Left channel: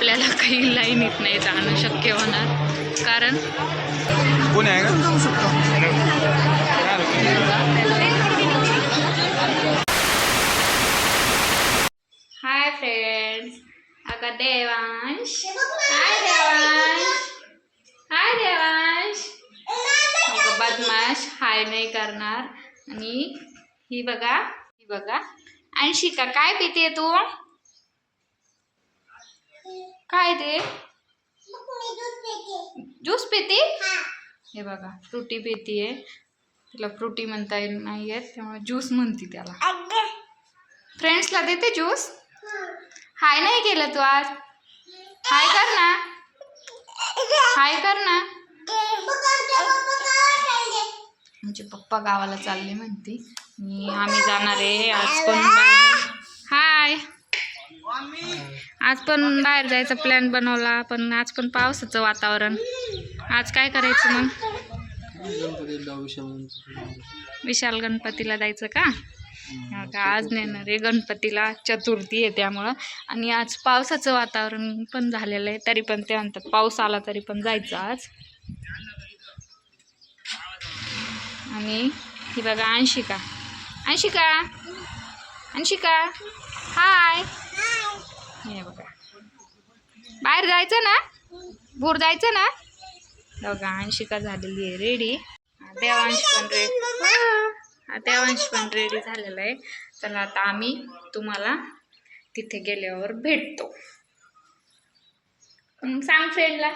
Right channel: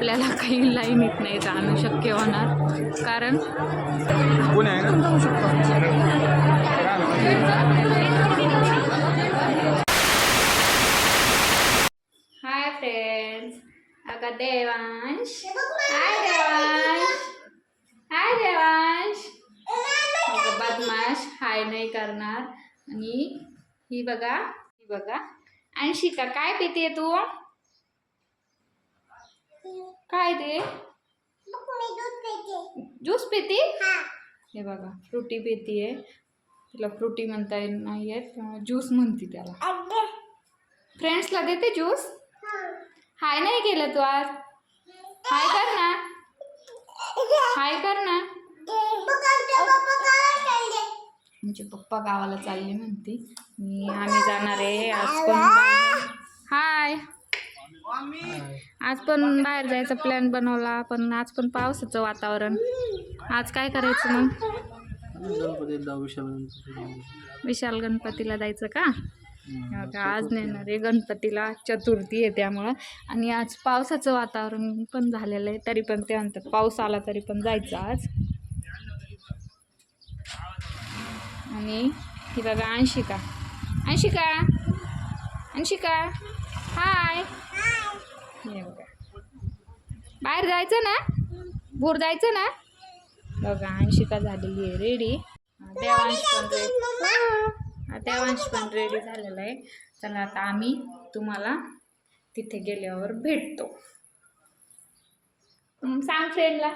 आपल्याला काही लाईनीत नाही जाणं शक्य होणार. कारण हाय फ्रेंड्स अगं देवांश. हाय देवांश. हाय देवांश. अगं बदमाश हाय नाही करणार. आणि ही बघा ही बघा. अंशिका काय पिते तू? काय ते? ज्यूस पिती? हे बघा फ्रुटी पितीये. तिला फ्रुटी म्हणता येत नाहीये त्यामुळे ज्यूस म्हणते त्याला. फ्रेंड्सला देते ज्यूस? हाय नाही केलं तू आज. हाय कर ना. हाय कर ना. म्हणजे पप्पा गावाला चालले म्हणते. मी आम्ही जाणार आहे. आज पण हाय. आज पण बाहेर जायचा प्लॅन बनवला पण आज पण पावसाचं वातावरण. आज काय करायचं मग? विशाल गणपतीला जायचं का? आज नेणार आहे गणपतीला चतुर्थी आहे त्यामुळं. आणि आज पावसाचं वातावरण पण झालेलं आहे तरी पण ते म्हणतात पाऊस आला तरी पण जायचं आज. आणि ही बघा अंशिका. अंशिका! अंशिका! हाय! बाहेर जायचं ना? भोर जायचं ना? बघा अंशिका झालेली आहे रेडी देवांश पण रेडी देवांश पण रेडी झालेला आहे. चला आता आम्ही तुम्हाला तिथे गेल्यावर भेटतो. मग सांग फ्रेंडला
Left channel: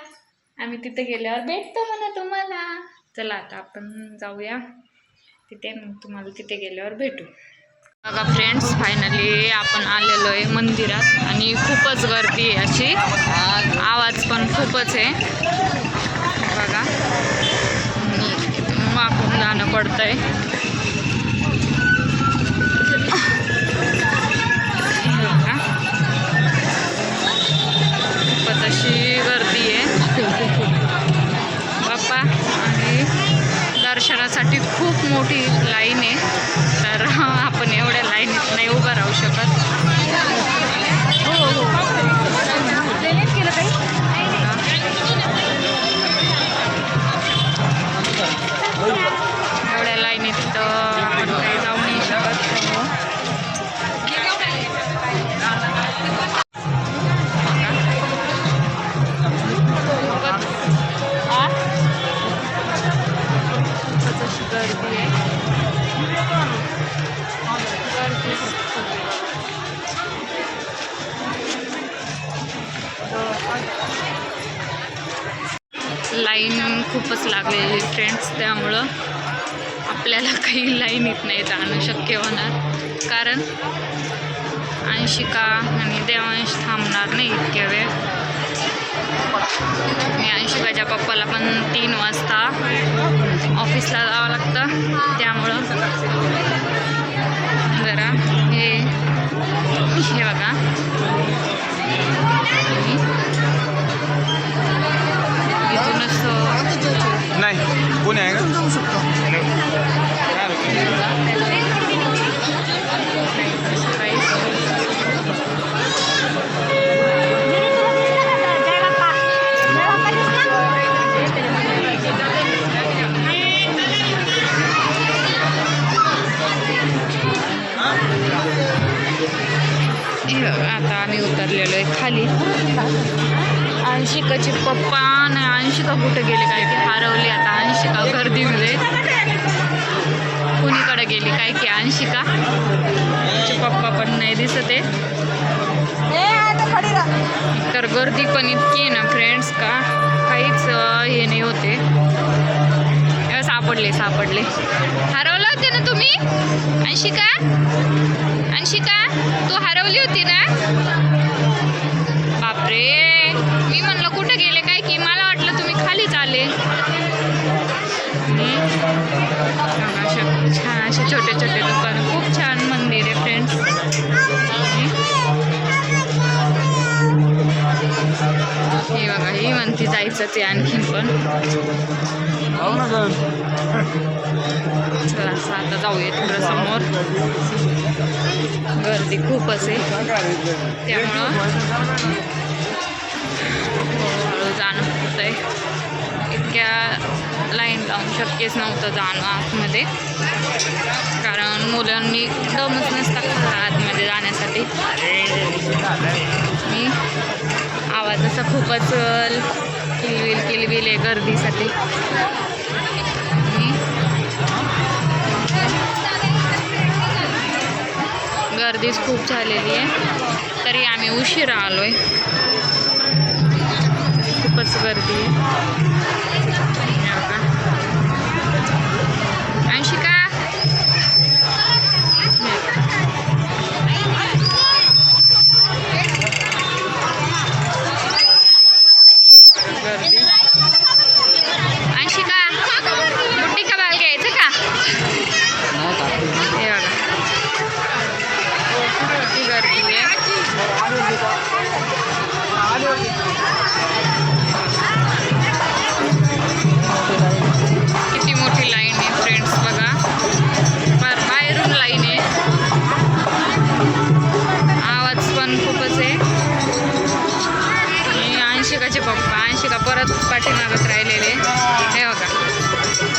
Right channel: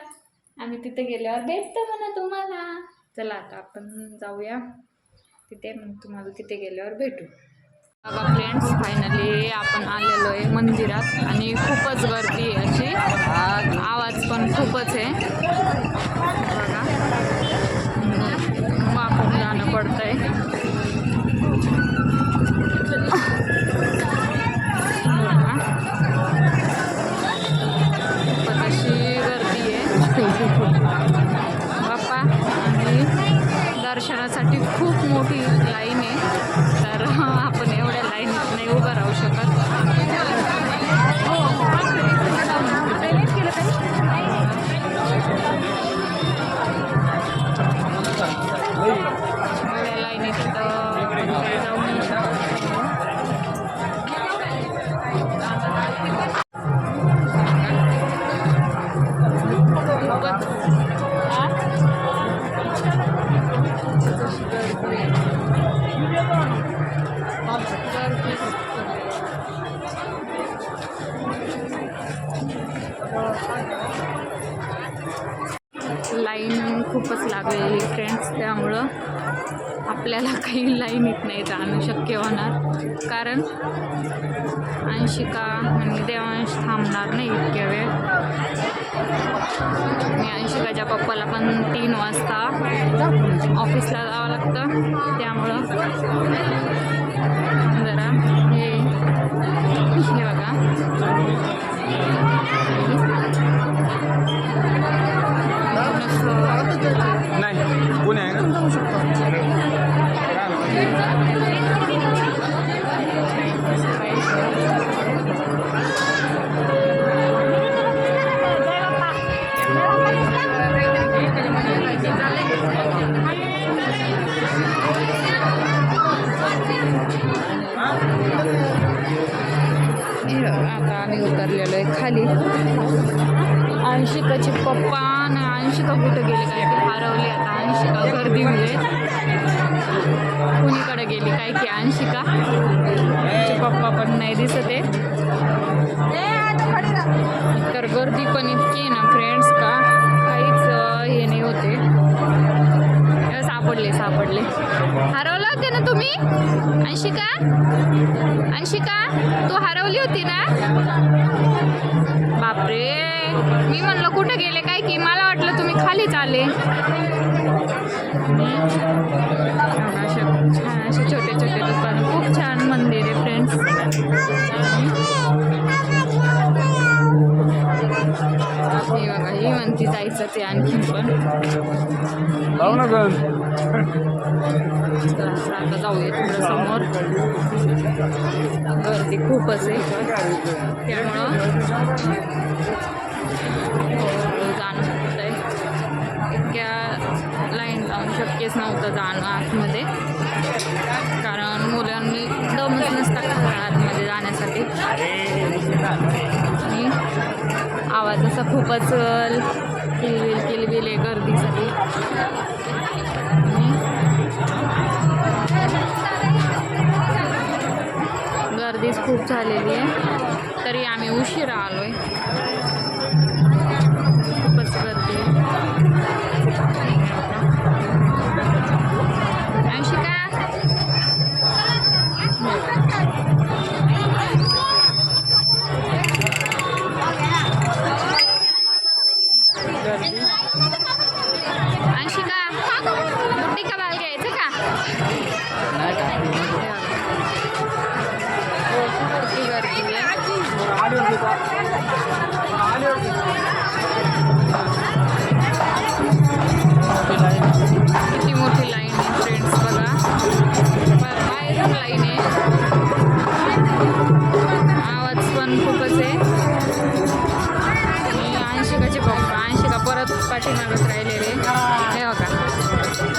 आम्ही तिथे गेल्यावर भेटतो म्हणा तुम्हाला. चला आता आपण जाऊया. तिथे मग तुम्हाला तिथे गेल्यावर भेटू. बघा फ्रेंड्स फायनली आपण आलेलो आहे मंदिरात आणि खूपच गर्दी आहे अशी. आवाज पण खूपच आहे. बघा. वाकून जाणं पडतंय. बघा. खूपच अशी गर्दी आहे. बाप्पा आणि दर्शनासाठी खूप मोठी लाईन आहे. आपण एवढ्या लाईनीत नाही उभं राहू शकत. खूपच लागलेली फ्रेंड्स त्यामुळं आपल्याला काही लाईन येत नाही जाणं शक्य होणार. कारण अंशिका आणि देवांश थांबणार नाही इतक्या वेळ. आणि अंशिकाच्या पप्पाला पण तीन वाजता ऑफिसला जावं लागतं. त्यामुळं जरा हे हे बघा इथूनच अं, नाही कोण आहे का काही हे बघा, आता आम्ही उतरलेलो आहे खाली. अंशिकाचे पप्पा आणि कुठे गेले? काय की हरवली आता अंशिका गर्दीमध्ये. कुणीकडे गेली? काय की अंशिका? तिचे पप्पा पण नाही दिसत आहे तर गर्दी पण इतकी आहे ना फ्रेंड्स का? काहीच हे नाही होते. सापडले सापडले. हरव होते ना तुम्ही? अंशिका? अंशिका तू हरवली होती ना? बापरे. मी म्हणलं कुठे गेले काय की? मला वाटलं तुम्ही खालीच आले. अशा छान असे छोटे छोटे दुकान. खूप छान मंदिर आहे फ्रेंड्स हे बघा ही म्हणती जायचं ते आणखीन पण. चला आता जाऊया तिकडं समोर. गर्दी खूपच आहे. त्यामुळं हळूहळू जाणं होत आहे इतक्या लाईन लावून शक्यच नव्हतं जाणं आतमध्ये. कारण मुलांनी दमच नसता आतमध्ये म्हणजे जाण्यासाठी? आवाज असा खूपच किलबिल किलबिल आहे गर्दीसाठी. गर्दीच खूप झालेली आहे. तरी आम्ही उशिरा आलोय. आहे गर्दी आहे किती मोठी लाईन आहे फ्रेंड्स बघा. बाहेरून लाईन आहे. आवाज पण खूपच आहे. आणि अंशिकाचे पप्पा अंशिका परत पाठीमागत राहिलेले. हे बघा.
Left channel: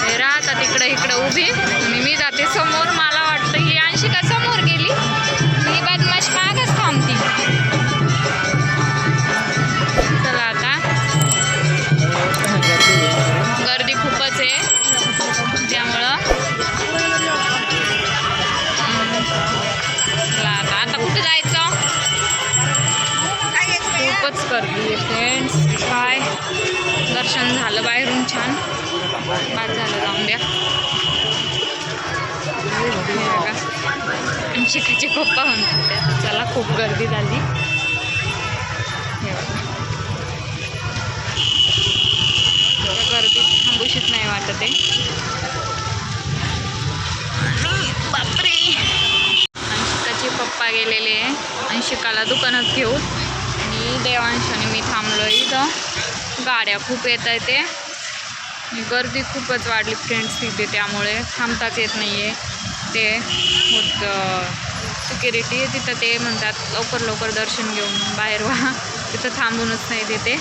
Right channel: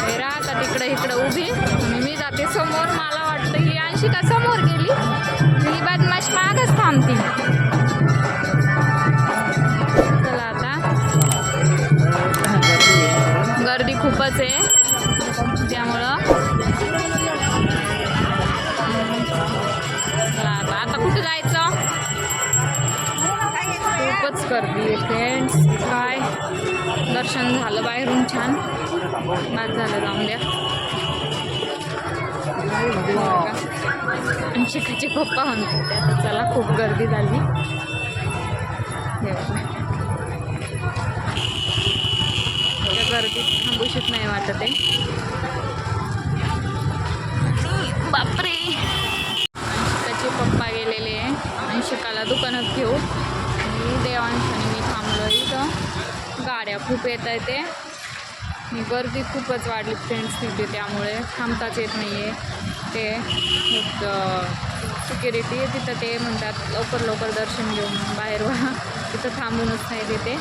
हे राहतात इकडं इकडं उभी. आणि मी जाते समोर. मला वाटतं ही अंशिका समोर गेली. मागच चला आता. गर्दी खूपच आहे. त्यामुळं. चला आता. आता कुठे जायचं? खूपच गर्दी आहे फ्रेंड्स काय? दर्शन झालं बाहेरून छान. बाद झालं जाऊन द्या. का बघा. आणि पप्पा म्हणतात ते चला खूप गर्दी झाली. गर्दी गर्दीत थांबूशीच नाही वाटत आहे. बापरे. अंशिकाचे पप्पा गेलेले आहे. अंशिकाला दुकानात घेऊन. आणि देवांशाने मी थांबलो इथं. गाड्या खूप येत आहे ते. गर्दी खूपच वाढली फ्रेंड्स तिथे त्यामुळे. थांबताच येत नाही आहे ते होत सिक्युरिटी आहे तिथं ते म्हणतात लवकर लवकर दर्शन घेऊन बाहेर व्हा. तिथं थांबूनच नाही देते.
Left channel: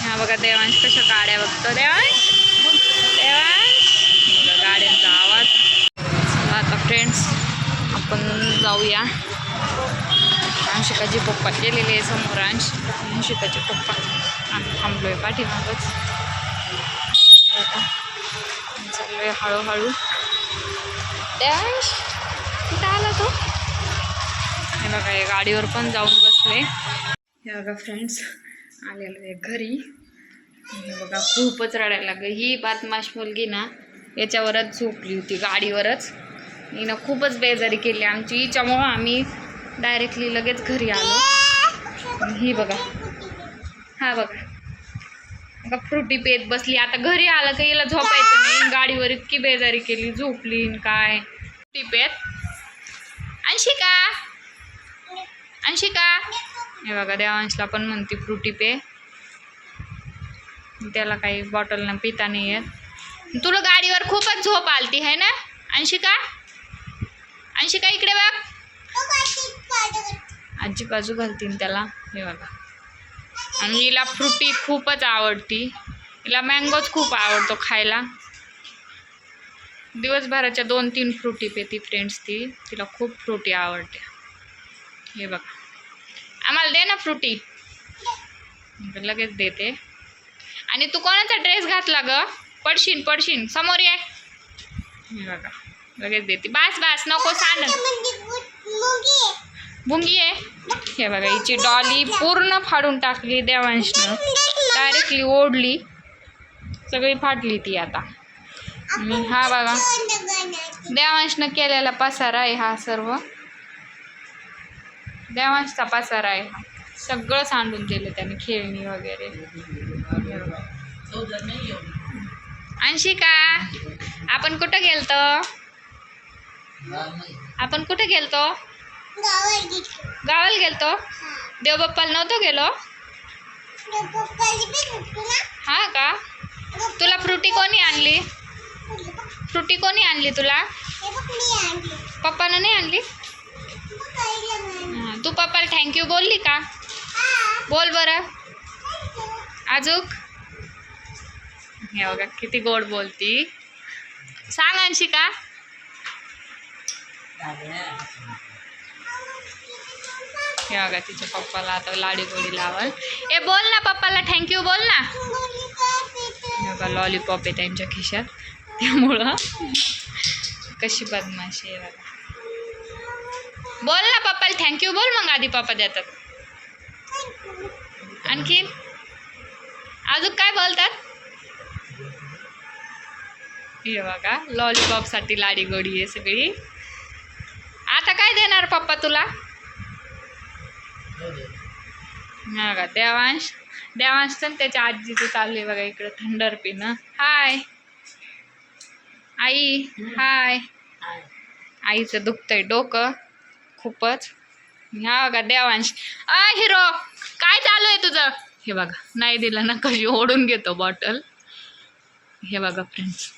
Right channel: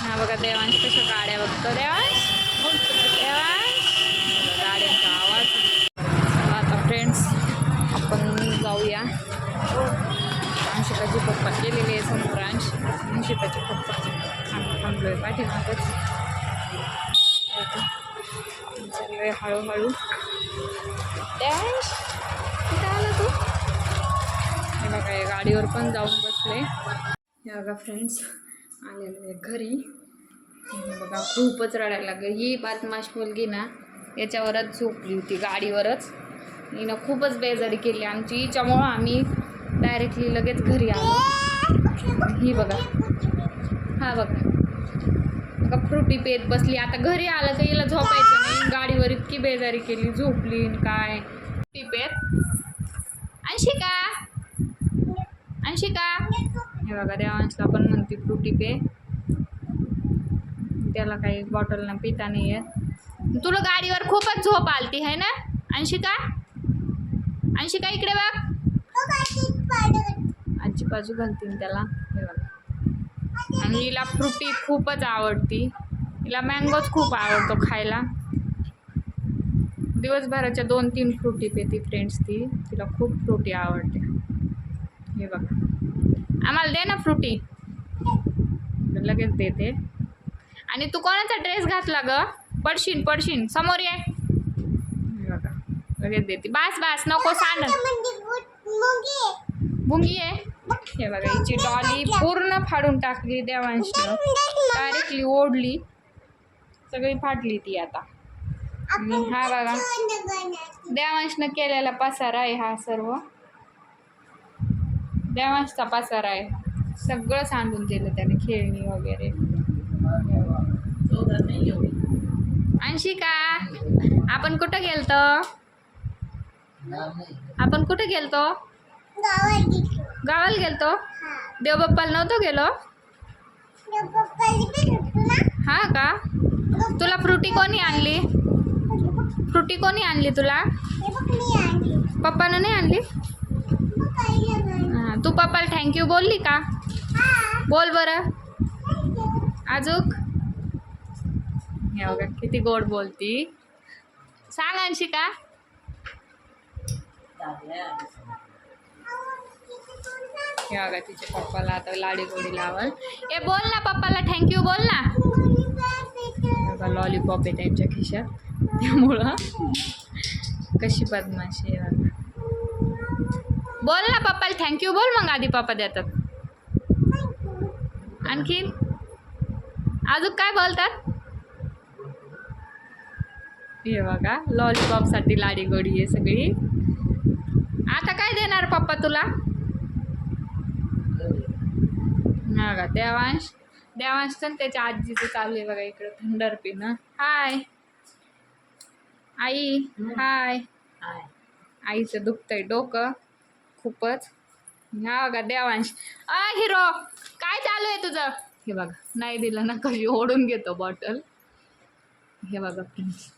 ह्या बघा देवांश कशा गाड्या बघतो. देवांश! देवांश! गाड्यांचा आवाज. चला आता फ्रेंड्स आपण जाऊया. अंशिकाचे पप्पा गेलेले आहे समोर अंश अंशिकाचे पप्पा. आम्ही आहे पाठीमागच. चाललोय हळूहळू. देवांश कुठं आला तो? हे बघा हे गाडीवर पण जाऊन बसले. हे बघा फ्रेंड्स आलेलो आहे घरी. हे बघा खूपच रडायला लागलं. ही बातमाश मुलगी ना याच्यावरच झोपली होती गाडीवरच. हिनं खूपच बेजारी केली. आमची हिच्यामुळं आम्ही डायरेक्टली लगेच घरी आलो. ही बघा. हा बघा. बघा फ्रुटी पेत बसली आता घरी आलं का हिला झोपायचं नाही. गाडीवर इतकी बेजारी केली झोपली काय. फ्रुटी पेत. अंशिका. अंशिका. हे बघा देवांशला पण म्हणते फ्रुटी पे. त्याला काही बॉटल ना पिता नाही येत. तुला गाडीवर खूपच झोप आलती आहे ना? अंशिका? अंशिका इकडे बघ. आजी बाजू घालतीन त्याला. हे बघा. आणि हिला फ्रुटी खूपच आवडती. हिला मँगोच खूप आवडतो खायला. दिवसभराच्या दोन तीन फ्रुटी पेती फ्रेंड्स ती. तिला खूप फ्रुटी आवडते. हे बघा. आम्हाला दे ना फ्रुटी. लगेच देते. आणि तू कोणाचा ड्रेस घातला ग? पडशीन पडशीन. समोर ये. हे बघा. लगेच देते. बास बास. नको सांड. बुंगी आहे? हे बघा हिची डॉली पूर्ण फाडून टाकली देवांशनं. डायरेक्टली ओढली. सगळी फाटली ती आता. हा बघा देवांशनं केलेला पसारा आहे हा सर्व. देवांशचा पसारा आहे हा. सगळं सांडून दिलं त्याने खेळणी वगैरे. अंशिका आपण कुठं गेलतो? आपण कुठं गेलतो. गावाला गेलतो. देवबाप्पाला नव्हतो गेलो. हा का? तुला फ्रुटी कोणी आणली? फ्रुटी कोणी आणली तुला? पप्पानं नाही आणली? तू पप्पाला थँक्यू बोलली का? बोल बरं. अजूक हे बघा किती गोड बोलती. सांग अंशिका. हे बघा तिच्या पप्पाला आता लाडी गोडी लावल. ए बोल ना पप्पाला थँक्यू बोल ना. बघा लॉलीपॉप आहे त्यांच्या खिशात. त्यामुळं कशी बदमाशी आहे बघा. बोल ना पप्पाला थँक्यू बोल मग आधी पप्पा देतात. आणखीन? अजून काय बोलतात? हे बघा लॉलीपॉपसाठी लाडी गोडी आहे सगळी. आता काय देणार पप्पा तुला? हा का? देवांश देवांश चल त्याच्या आजीचं चालू आहे बघा इकडं थंडर पिणं. हाय. आई हाय. आईचं दुखतंय डोकं खूपच. हा बघा देवांश. अ हिरो काय चालू आहे तुझं? हे बघा नाही दिलं ना कशी ओढून घेतो बॉटल. हे बघा फ्रेंड्स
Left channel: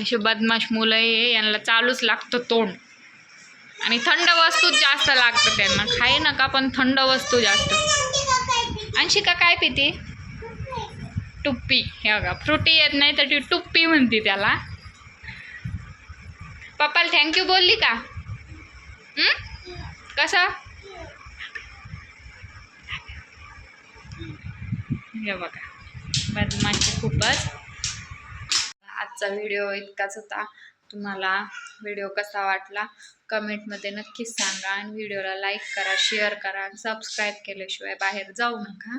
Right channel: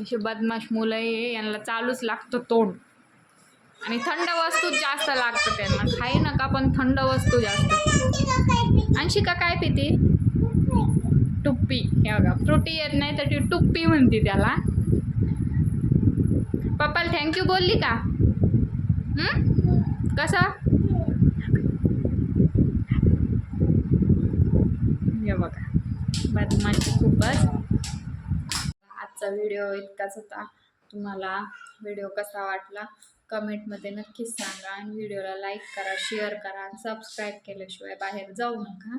असे बदमाश मुलं आहे यांना चालूच लागतं तोंड. आणि थंड वस्तूच जास्त लागतं त्यांना. खाई नका पण थंड वस्तू जास्त. अंशिका काय पिती? टुप्पी. हे बघा फ्रुटी येत नाही तर ती टुप्पी म्हणते त्याला. पप्पाला थँक्यू बोलली का? कसं? हे बघा बदमाशी खूपच. आजचा व्हिडिओ इतकाच होता. तुम्हाला व्हिडिओ कसा वाटला कमेंटमध्ये नक्कीच सांगा. आणि व्हिडिओला लाईक करा शेअर करा. सबस्क्राईब केल्याशिवाय बाहेर जाऊ नका.